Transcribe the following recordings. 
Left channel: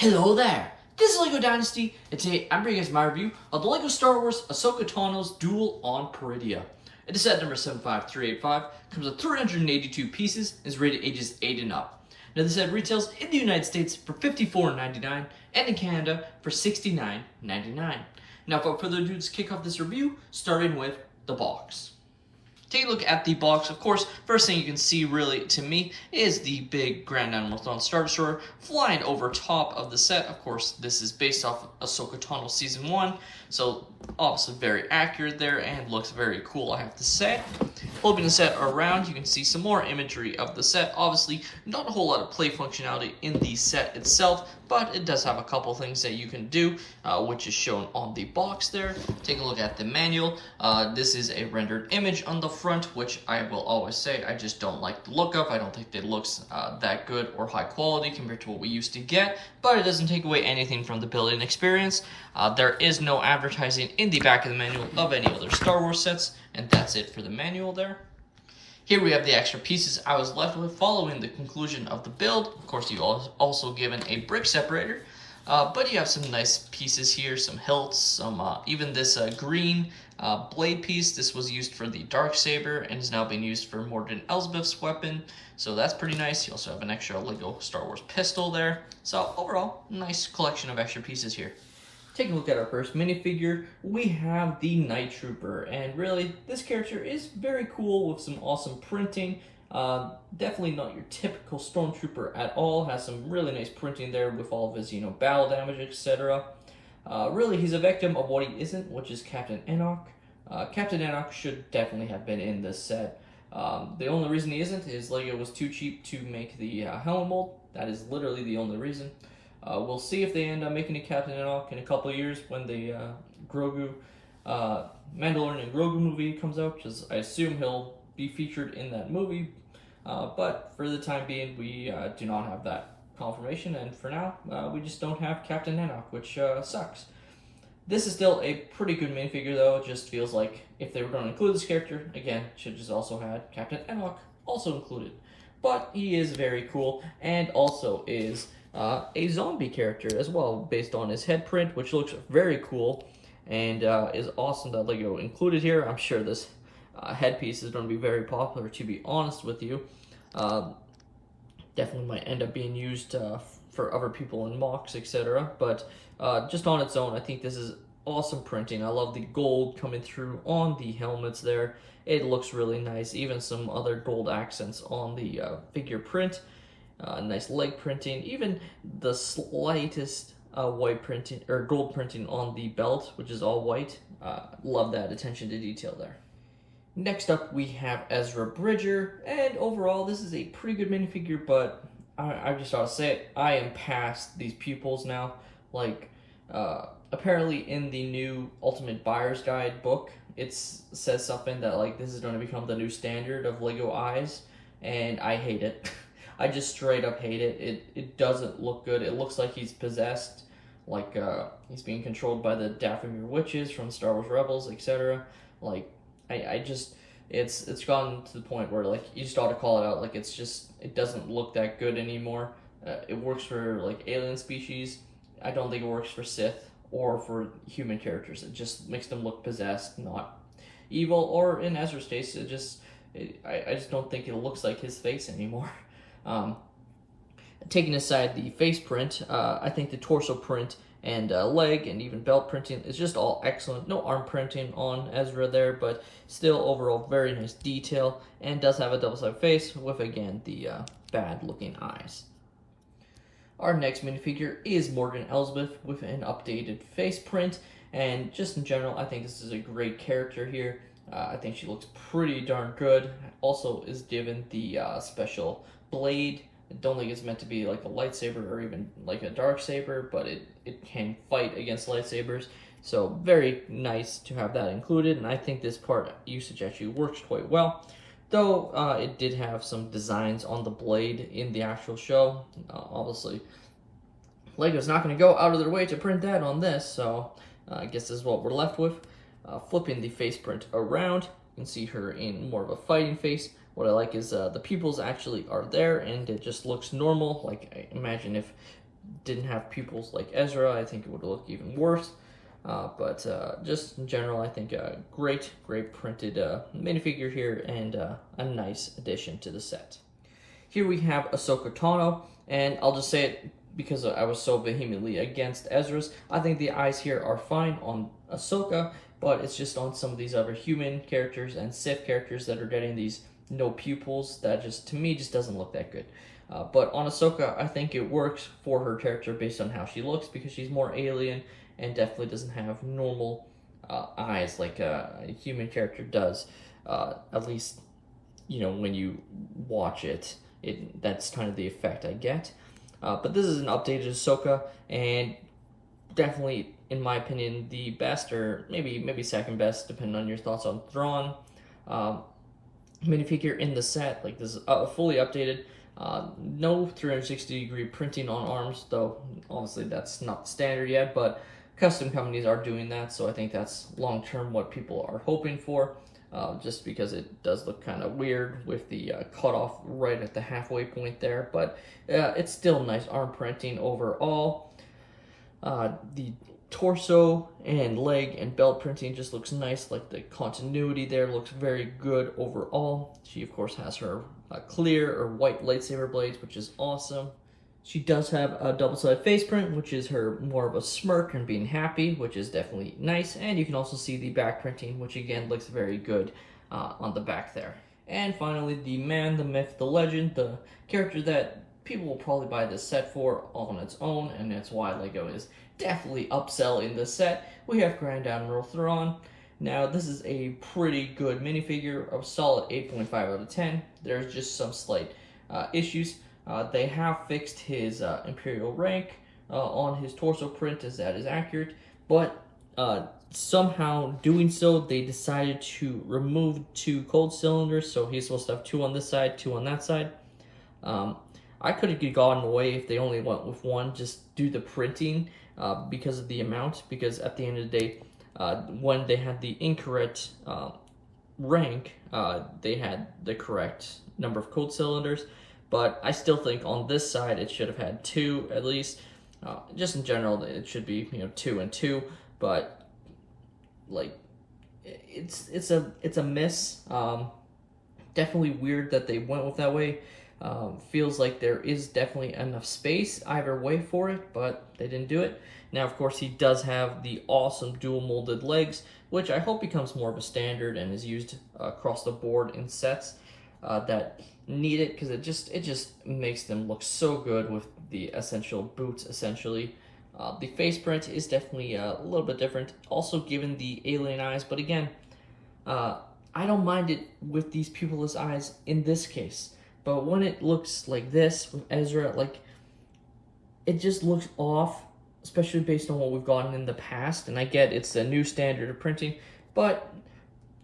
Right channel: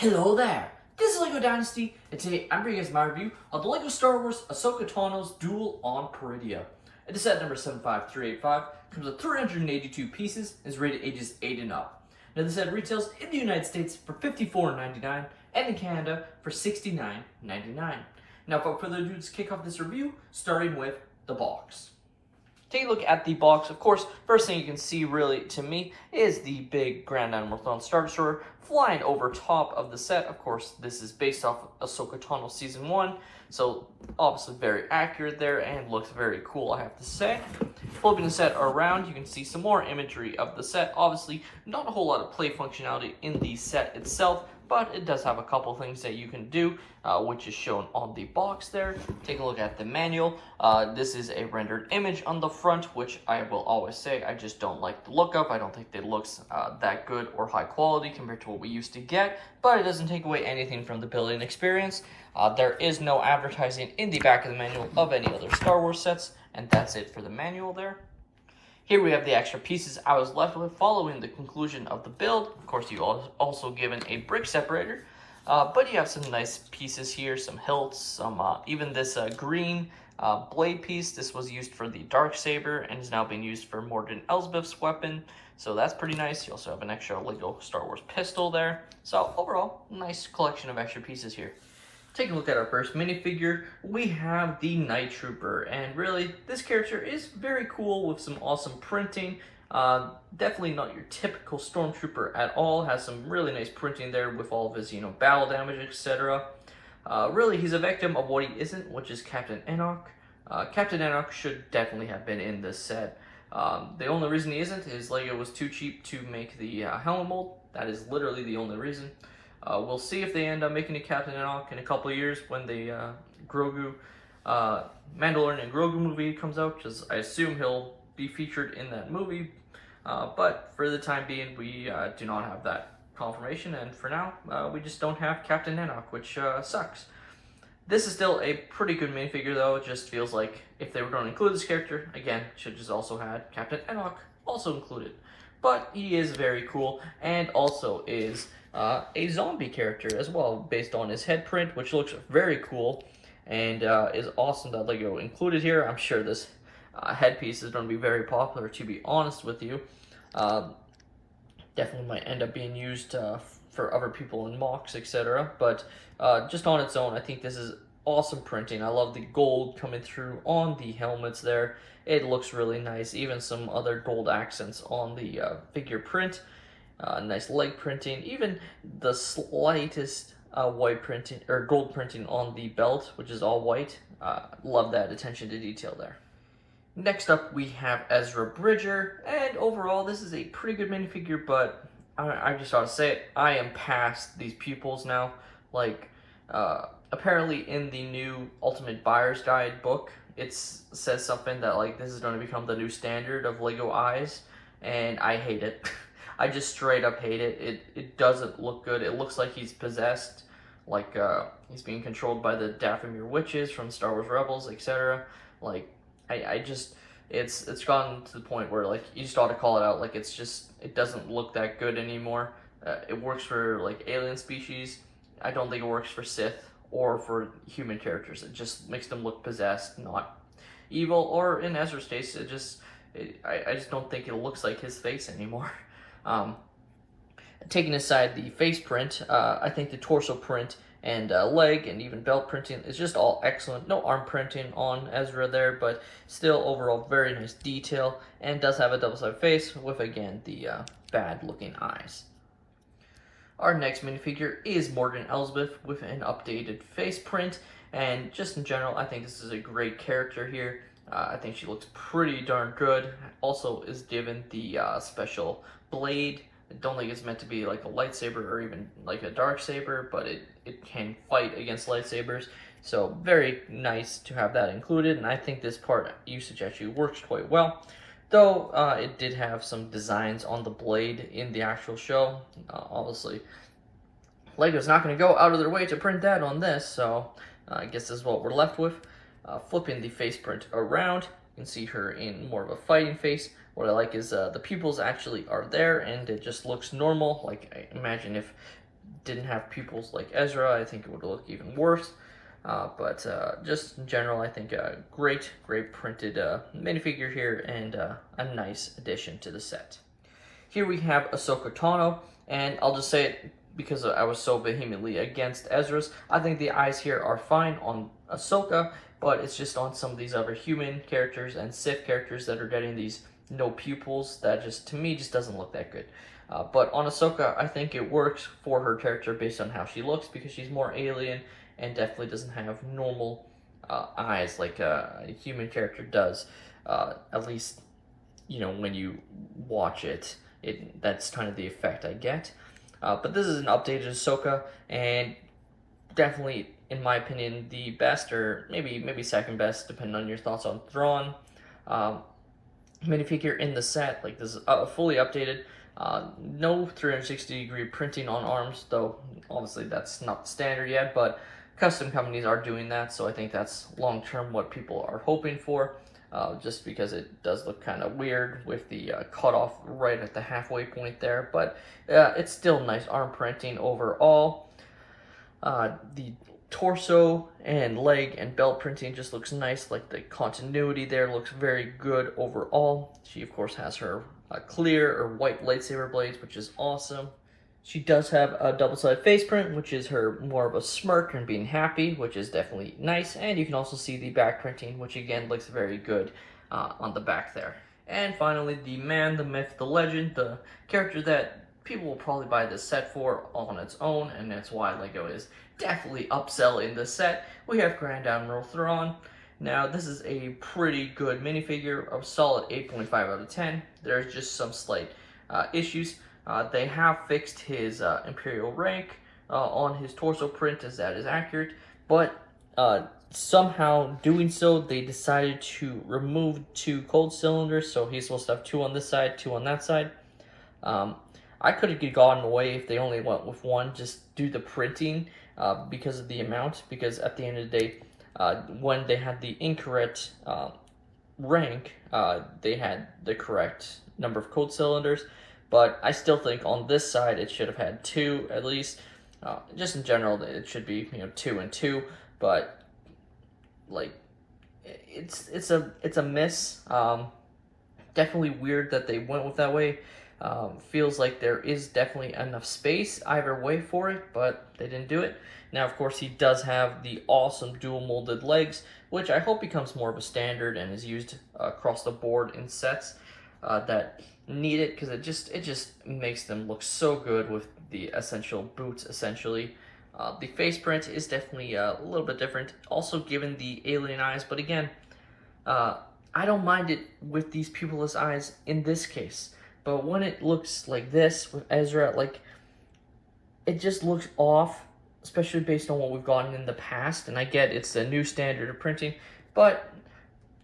Hello there, this is LEGO Dynasty, and today I'm bringing you guys my review of the LEGO Star Wars Ahsoka Tano's Duel on Peridea. It is set number 75385, comes with 382 pieces, and is rated ages 8 and up. Now this set retails in the United States for $54.99 and in Canada for $69.99. Now without further ado, let's kick off this review, starting with the box. Take a look at the box. Of course, first thing you can see really to me is the big Grand Admiral Star Destroyer flying over top of the set. Of course, this is based off Ahsoka Tano Season 1, so obviously very accurate there and looks very cool, I have to say. Flipping the set around, you can see some more imagery of the set. Obviously, not a whole lot of play functionality in the set itself, but it does have a couple things that you can do, which is shown on the box there. Take a look at the manual. This is a rendered image on the front, which I will always say I just don't like the look of. I don't think it looks that good or high quality compared to what we used to get, but it doesn't take away anything from the building experience. There is no advertising in the back of the manual of any other Star Wars sets, and that's it for the manual there. Here we have the extra pieces I was left with following the conclusion of the build. Of course, you are also given a brick separator, but you have some nice pieces here, some hilts, some even this green blade piece. This was used for the Darksaber and is now being used for Morden Elsbeth's weapon, so that's pretty nice. You also have an extra LEGO Star Wars pistol there. So overall, nice collection of extra pieces here. Taking a look at our first minifigure, we have the Night Trooper, and really, this character is very cool with some awesome printing. Definitely not your typical Stormtrooper at all. Has some really nice printing there with all of his, battle damage, etc. Really, he's a victim of what he isn't, which is Captain Enoch. Captain Enoch should definitely have been in this set. The only reason he isn't is LEGO was too cheap to make the helmet mold. That is literally the only reason. We'll see if they end up making a Captain Enoch in a couple of years when the Mandalorian and Grogu movie comes out, because I assume he'll be featured in that movie. But for the time being, we do not have that confirmation, and for now, we just don't have Captain Enoch, which sucks. This is still a pretty good minifigure, though. It just feels like if they were going to include this character, again, should just also had Captain Enoch also included. But he is very cool, and also is a zombie character as well, based on his head print, which looks very cool and is awesome that LEGO included here. I'm sure this headpiece is going to be very popular, to be honest with you. Definitely might end up being used for other people in mocks, etc. But just on its own, I think this is awesome printing. I love the gold coming through on the helmets there. It looks really nice. Even some other gold accents on the figure print. Nice leg printing, even the slightest white printing or gold printing on the belt, which is all white. Love that attention to detail there. Next up, we have Ezra Bridger, and overall, this is a pretty good minifigure, but I just ought to say it, I am past these pupils now. Like, apparently in the new Ultimate Buyer's Guide book, it says something that, like, this is going to become the new standard of LEGO eyes, and I hate it. I just straight up hate it. It doesn't look good. It looks like he's possessed, like he's being controlled by the Dathomir witches from Star Wars Rebels, etc. Like, I just, it's gotten to the point where, like, you just ought to call it out. Like, it doesn't look that good anymore. It works for, like, alien species. I don't think it works for Sith or for human characters. It just makes them look possessed, not evil. Or in Ezra's case, I just don't think it looks like his face anymore. Taking aside the face print, I think the torso print and leg and even belt printing is just all excellent. No arm printing on Ezra there, but still overall very nice detail, and does have a double-sided face with, again, the bad-looking eyes. Our next minifigure is Morden Elsbeth with an updated face print, and just in general, I think this is a great character here. I think she looks pretty darn good. Also is given the special blade. I don't think it's meant to be like a lightsaber or even like a Darksaber, but it can fight against lightsabers. So very nice to have that included, and I think this part usage actually works quite well. Though it did have some designs on the blade in the actual show. Obviously, LEGO's not going to go out of their way to print that on this, so I guess this is what we're left with. Flipping the face print around, you can see her in more of a fighting face. What I like is the pupils actually are there, and it just looks normal. Like, I imagine if didn't have pupils like Ezra, I think it would look even worse. But just in general, I think a great printed minifigure here, and a nice addition to the set. Here we have Ahsoka Tano, and I'll just say it because I was so vehemently against Ezra's. I think the eyes here are fine on Ahsoka, but it's just on some of these other human characters and Sith characters that are getting these no pupils that just, to me, just doesn't look that good. But on Ahsoka, I think it works for her character based on how she looks, because she's more alien and definitely doesn't have normal eyes like a human character does. At least, you know, when you watch it, that's kind of the effect I get. But this is an updated Ahsoka, and definitely, in my opinion, the best, or maybe second best, depending on your thoughts on Thrawn minifigure in the set. Like, this is fully updated. No 360-degree printing on arms, though obviously that's not standard yet, but custom companies are doing that, so I think that's long-term what people are hoping for, just because it does look kind of weird with the cutoff right at the halfway point there, but it's still nice arm printing overall. The torso and leg and belt printing just looks nice, like the continuity there looks very good overall. She of course has her clear or white lightsaber blades, which is awesome. She does have a double-sided face print, which is her more of a smirk and being happy, which is definitely nice. And you can also see the back printing, which again looks very good on the back there. And finally, the man, the myth, the legend, the character that people will probably buy this set for on its own, and that's why LEGO is definitely upselling this set. We have Grand Admiral Thrawn. Now, this is a pretty good minifigure, a solid 8.5 out of 10. There's just some slight issues. They have fixed his Imperial rank on his torso print, as that is accurate, but somehow doing so, they decided to remove 2 cold cylinders, so he's supposed to have 2 on this side, 2 on that side. I could have gotten away if they only went with 1, just do the printing because of the amount, because at the end of the day, when they had the incorrect rank, they had the correct number of cold cylinders. But I still think on this side it should have had 2 at least. Just in general, it should be 2 and 2. But like, it's a miss. Definitely weird that they went with that way. Feels like there is definitely enough space either way for it, but they didn't do it. Now, of course, he does have the awesome dual molded legs, which I hope becomes more of a standard and is used across the board in sets that need it, because it just makes them look so good with the essential boots, essentially. The face print is definitely a little bit different, also given the alien eyes, but again, I don't mind it with these pupilless eyes in this case. But when it looks like this with Ezra, like, it just looks off, especially based on what we've gotten in the past. And I get it's a new standard of printing, but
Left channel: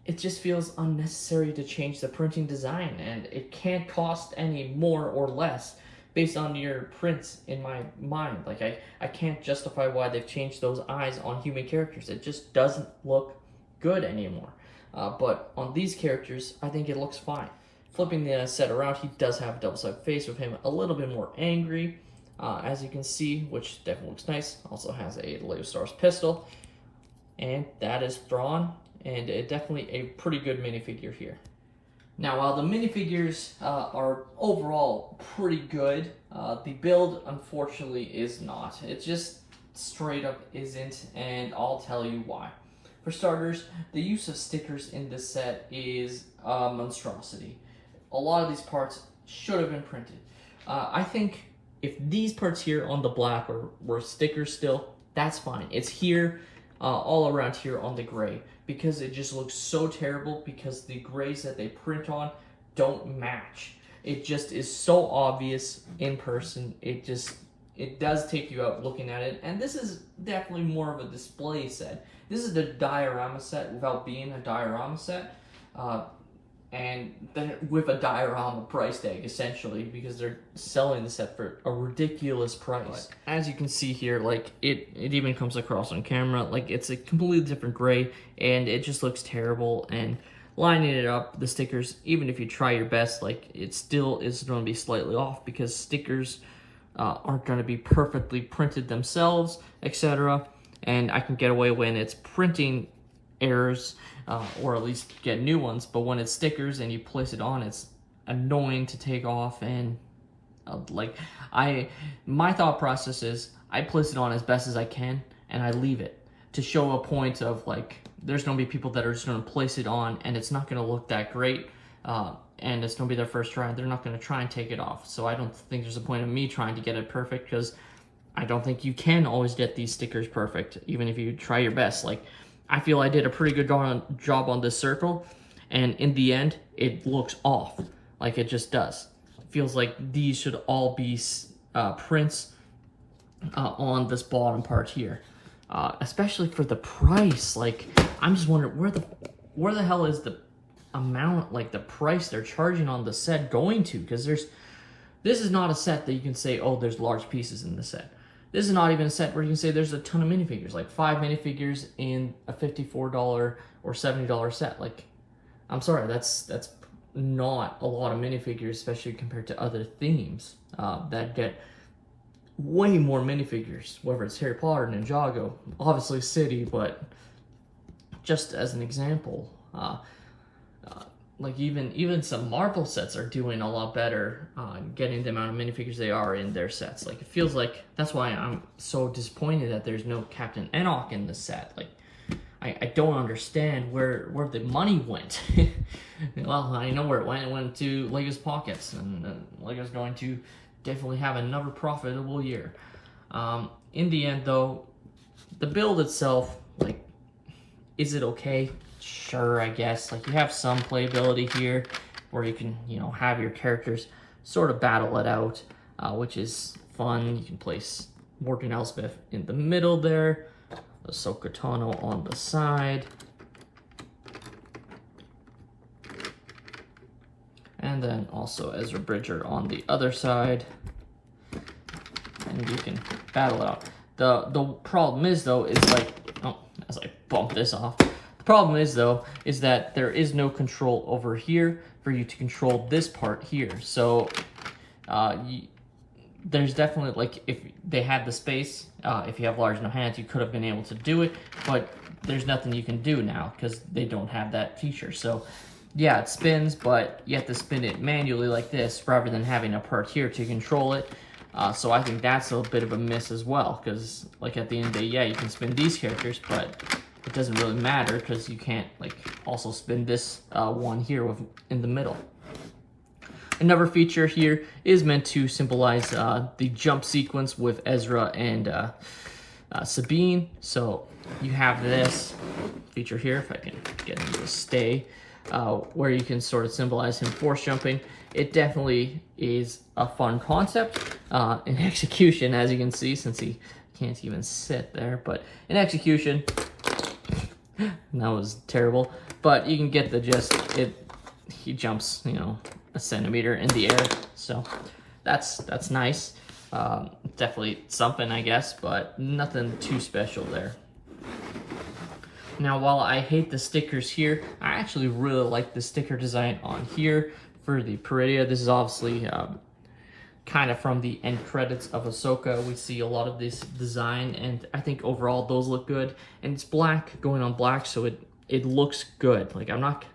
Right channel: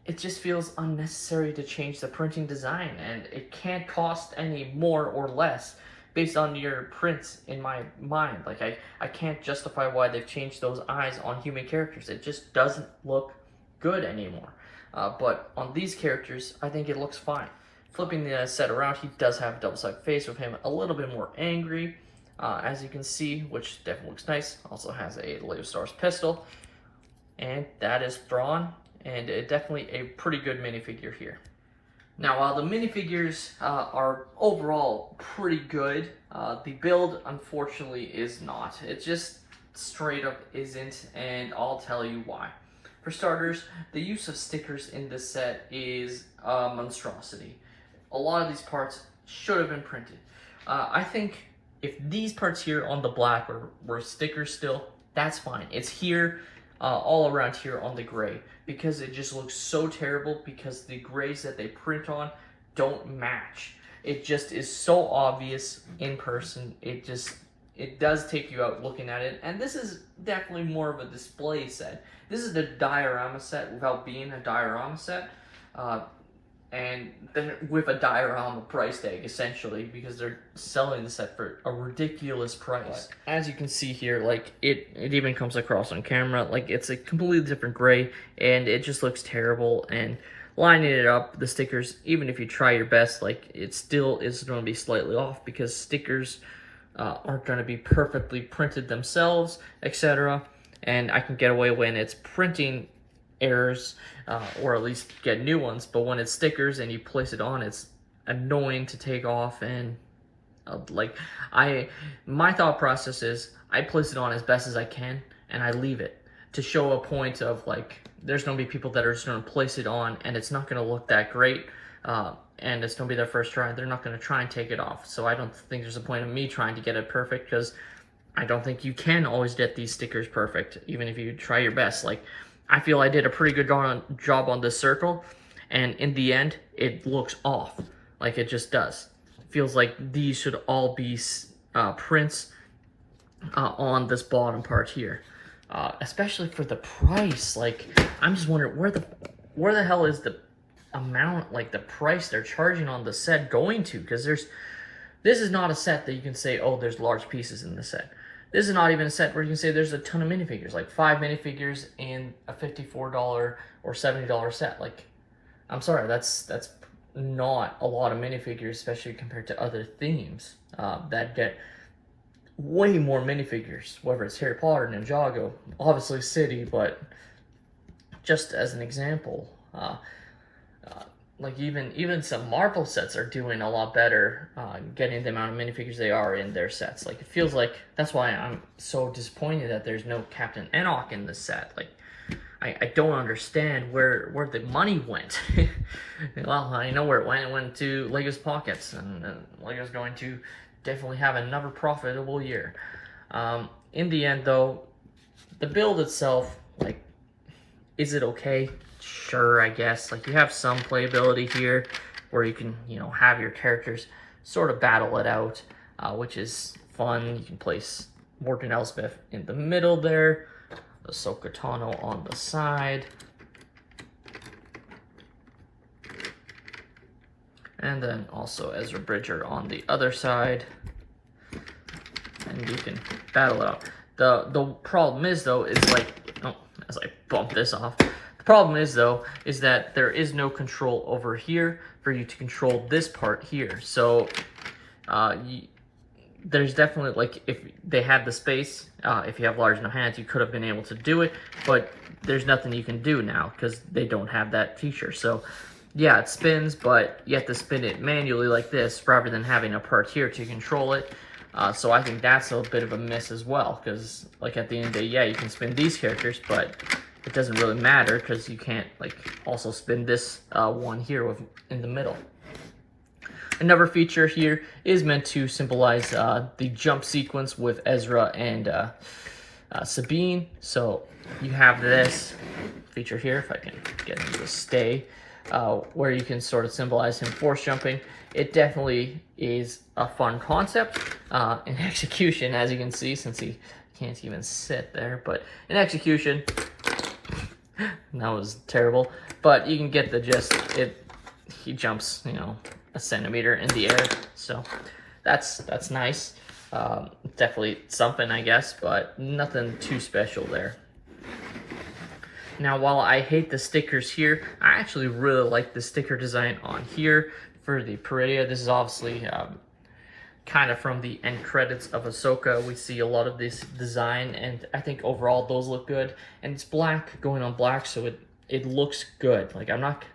it just feels unnecessary to change the printing design, and it can't cost any more or less based on your prints in my mind. Like, I can't justify why they've changed those eyes on human characters. It just doesn't look good anymore. But on these characters, I think it looks fine. Flipping the set around, he does have a double-sided face with him a little bit more angry, as you can see, which definitely looks nice. Also has a Lego Stars pistol, and that is Thrawn, and definitely a pretty good minifigure here. Now, while the minifigures are overall pretty good, the build, unfortunately, is not. It just straight up isn't, and I'll tell you why. For starters, the use of stickers in this set is a monstrosity. A lot of these parts should have been printed. I think if these parts here on the black were stickers still, that's fine. It's here, all around here on the gray, because it just looks so terrible because the grays that they print on don't match. It just is so obvious in person. It does take you out looking at it, and this is definitely more of a display set. This is the diorama set without being a diorama set. And then with a diorama price tag, essentially, because they're selling the set for a ridiculous price. But as you can see here, like, it even comes across on camera, like, it's a completely different gray, and it just looks terrible. And lining it up, the stickers, even if you try your best, like, it still is going to be slightly off, because stickers aren't going to be perfectly printed themselves, etc. And I can get away when it's printing errors, or at least get new ones. But when it's stickers and you place it on, it's annoying to take off. And my thought process is I place it on as best as I can and I leave it to show a point of like, there's going to be people that are just going to place it on and it's not going to look that great. And it's going to be their first try. They're not going to try and take it off. So I don't think there's a point of me trying to get it perfect, because I don't think you can always get these stickers perfect, even if you try your best. Like, I feel I did a pretty good job on this circle, and in the end, it looks off. Like, it just does. It feels like these should all be prints on this bottom part here. Especially for the price. Like, I'm just wondering, where the hell is the amount, like the price they're charging on the set going to? Because this is not a set that you can say, oh, there's large pieces in the set. This is not even a set where you can say there's a ton of minifigures, like 5 minifigures in a $54 or $70 set. Like, I'm sorry, that's not a lot of minifigures, especially compared to other themes that get way more minifigures, whether it's Harry Potter, Ninjago, obviously City, but just as an example, like even some Marvel sets are doing a lot better getting the amount of minifigures they are in their sets. Like, it feels like that's why I'm so disappointed that there's no Captain Enoch in this set. Like, I don't understand where the money went. Well, I know where it went. It went to Lego's pockets, and Lego's going to definitely have another profitable year. In the end, though, the build itself, like, is it okay? Sure, I guess. Like, you have some playability here where you can, have your characters sort of battle it out, which is fun. You can place Morgan Elsbeth in the middle there, Ahsoka Tano on the side, and then also Ezra Bridger on the other side, and you can battle it out. The problem is, though, is like, as I bump this off, the problem is, though, is that there is no control over here for you to control this part here. So there's definitely, like, if they had the space, if you have large enough hands, you could have been able to do it, but there's nothing you can do now because they don't have that feature. So yeah, it spins, but you have to spin it manually like this rather than having a part here to control it. So I think that's a bit of a miss as well, because, like, at the end of the day, yeah, you can spin these characters, but it doesn't really matter because you can't, like, also spin this one here in the middle. Another feature here is meant to symbolize the jump sequence with Ezra and Sabine. So you have this feature here, if I can get him to stay, where you can sort of symbolize him force jumping. It definitely is a fun concept in execution, as you can see, since he can't even sit there. But in execution, that was terrible. But you can get the gist. He jumps, a centimeter in the air. So that's nice. Definitely something, I guess, but nothing too special there. Now, while I hate the stickers here, I actually really like the sticker design on here for the Peridea. This is obviously kind of from the end credits of Ahsoka. We see a lot of this design, and I think overall those look good. And it's black going on black, so it looks good. Like, I'm not...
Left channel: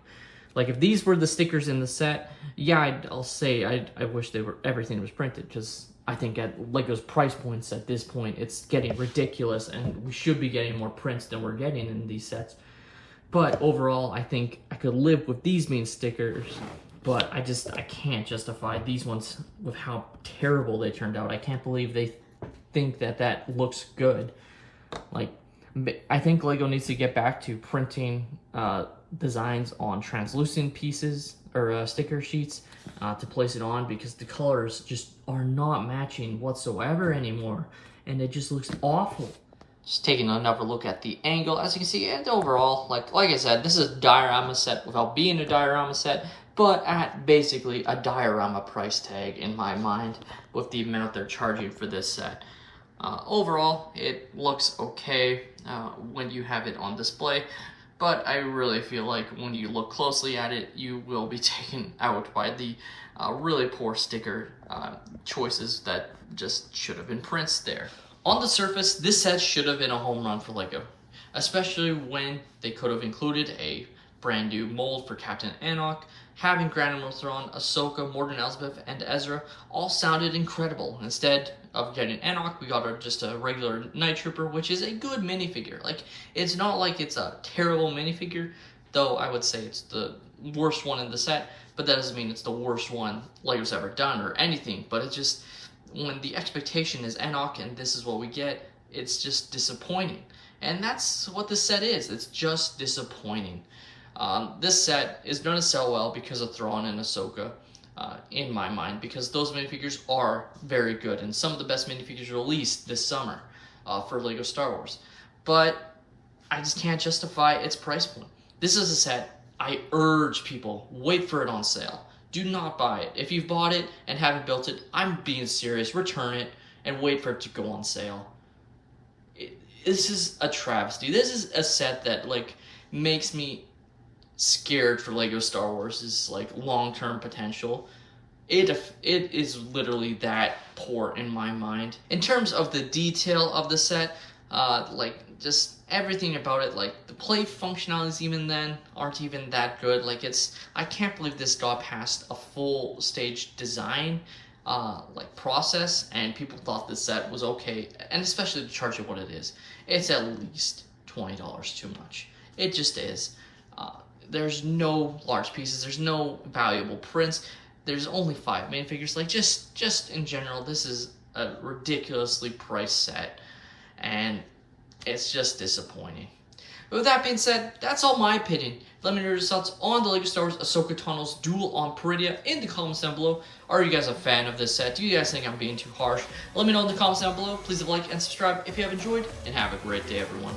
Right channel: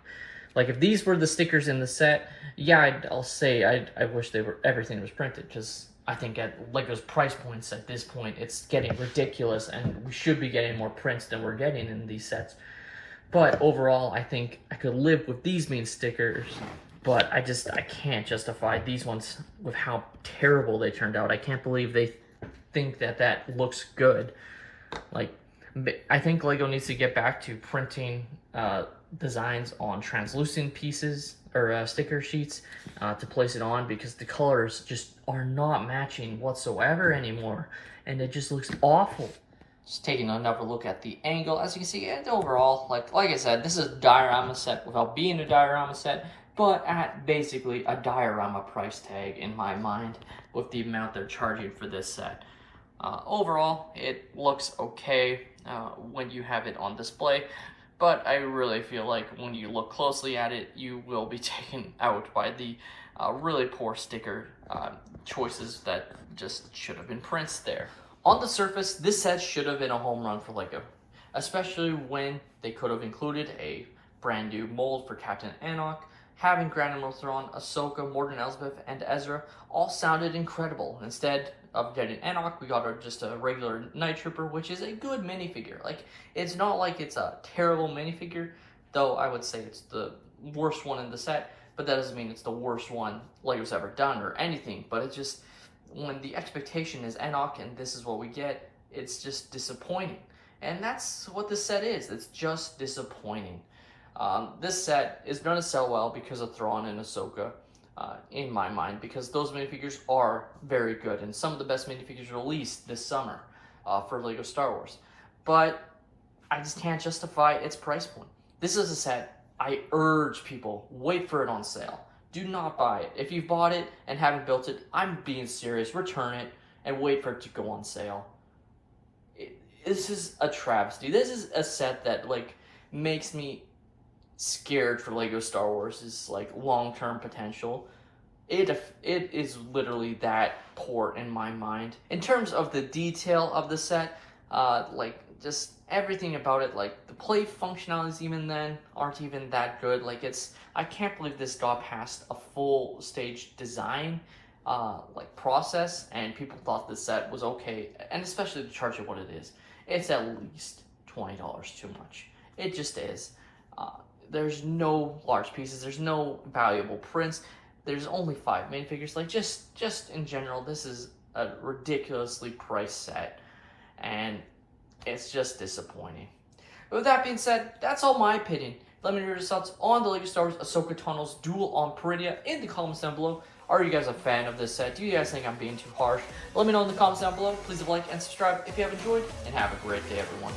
Like, if these were the stickers in the set, yeah, I'll say I wish everything was printed, because I think at Lego's price points at this point, it's getting ridiculous, and we should be getting more prints than we're getting in these sets. But overall, I think I could live with these main stickers, but I can't justify these ones with how terrible they turned out. I can't believe they think that looks good. Like, I think Lego needs to get back to printing designs on translucent pieces or sticker sheets to place it on, because the colors just are not matching whatsoever anymore, and it just looks awful. Just taking another look at the angle, as you can see, and overall, like I said, this is a diorama set without being a diorama set, but at basically a diorama price tag in my mind with the amount they're charging for this set. Overall, it looks okay when you have it on display, but I really feel like when you look closely at it, you will be taken out by the really poor sticker choices that just should have been prints there. On the surface, this set should have been a home run for LEGO, especially when they could have included a brand new mold for Captain Anok. Having Grand Admiral Thrawn, Ahsoka, Morgan Elsbeth, and Ezra all sounded incredible. Instead of getting Anok, we got just a regular Night Trooper, which is a good minifigure. Like, it's not like it's a terrible minifigure, though I would say it's the worst one in the set, but that doesn't mean it's the worst one LEGO's ever done or anything. But it's just, when the expectation is Anok and this is what we get, it's just disappointing. And that's what this set is. It's just disappointing. This set is going to sell well because of Thrawn and Ahsoka, in my mind, because those minifigures are very good and some of the best minifigures released this summer for LEGO Star Wars. But I just can't justify its price point. This is a set I urge people, wait for it on sale. Do not buy it. If you've bought it and haven't built it, I'm being serious. Return it and wait for it to go on sale. This is a travesty. This is a set that like makes me scared for LEGO Star Wars' like long-term potential. It is literally that poor in my mind. In terms of the detail of the set, like just everything about it, like the play functionalities even then aren't even that good. Like I can't believe this got past a full stage design like process and people thought this set was okay, and especially to charge it what it is. It's at least $20 too much. It just is. There's no large pieces, there's no valuable prints, there's only 5 minifigures. Like just in general, this is a ridiculously priced set and it's just disappointing. But with that being said, that's all my opinion. Let me know your thoughts on the LEGO Star Wars Ahsoka Tano's Duel on Peridea in the comments down below. Are you guys a fan of this set? Do you guys think I'm being too harsh? Let me know in the comments down below. Please leave a like and subscribe if you have enjoyed, and have a great day, everyone.